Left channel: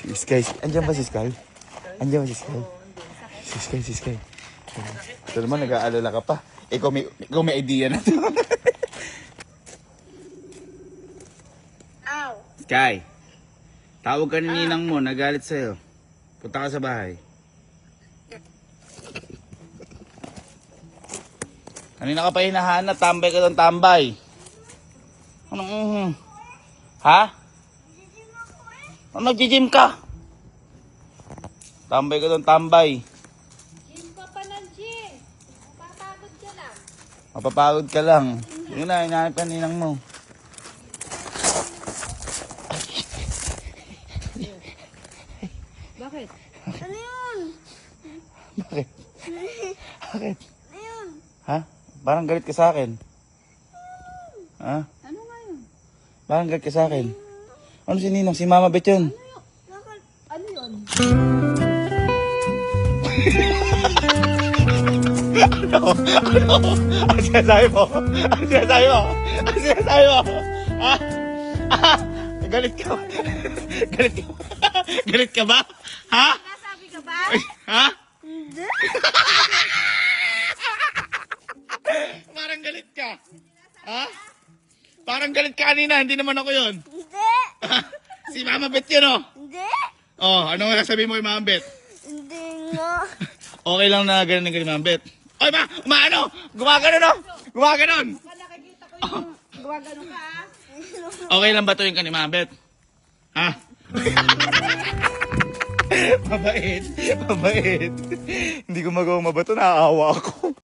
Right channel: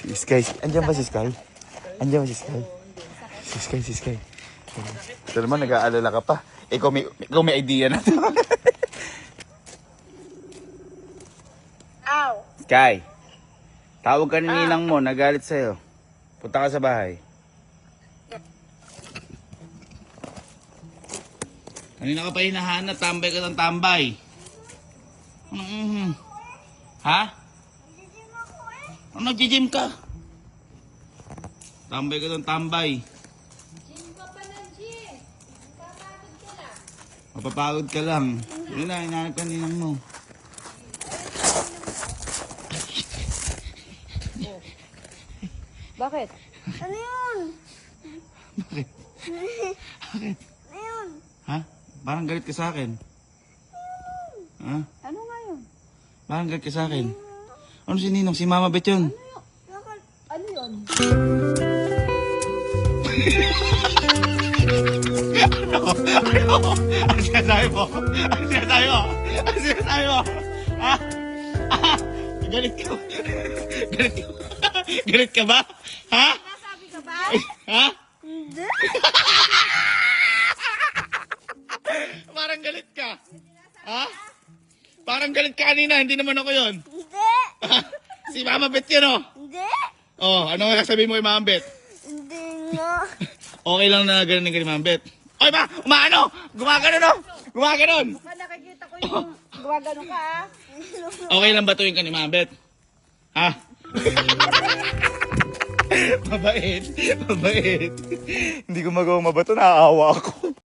Si Sky. Andiyan ba si Sky? Andiyan ba si Sky? Si Sky. Ito naman, nag-aalala ka pa. Ikaw may idea na ito. Ow! Sky, tawag ka ni ninang mo, nagalit sa'yo. Punta ka sa bahay. Kanina ka pa hinahanap, tambay ka doon, tambay. Anong, ha? Ano, nag-gym ka? Tambay ka doon, tambay. Gym ka pa ng gym. Mapapagod ka lang. Mapapagod ka lang. Yun na, hinahanap ka ninang mo. Bakit? Ano yun? Bakit? Bakit? Ano yun? Ha? Parang galit ka sa akin. Ha? Ano nga yun? Parang galit ka sa akin. Ano si Ninong? Si Mama Bet yun. Bakit? Ano yun? Ano sinasabi mo? Ano sinasabi mo? Ano sinasabi mo? Ha? Galit ka ba? Galit ka ba? Galit ka ba? Ha? Nasabi ka ba? Ha? Hindi. Parang galit ka. Ha? Parang galit ka kanina. Hindi naman ako yun. Hindi. Si Mama Bet yun, oh. Hindi. Oh, ano nga sabi mo kay Mama Bet? Hindi nga. Okay lang na ganun kay Mama Bet. Oy ba? Umaano? Gumagano, no? Gumagano. Pa nakikita ko yung gumagano ka ah. Okay lang ba tuwing ka ni Mama Bet? Ha? Mabait. Mabait. Hindi ko magawa mabato. Naaawa ako.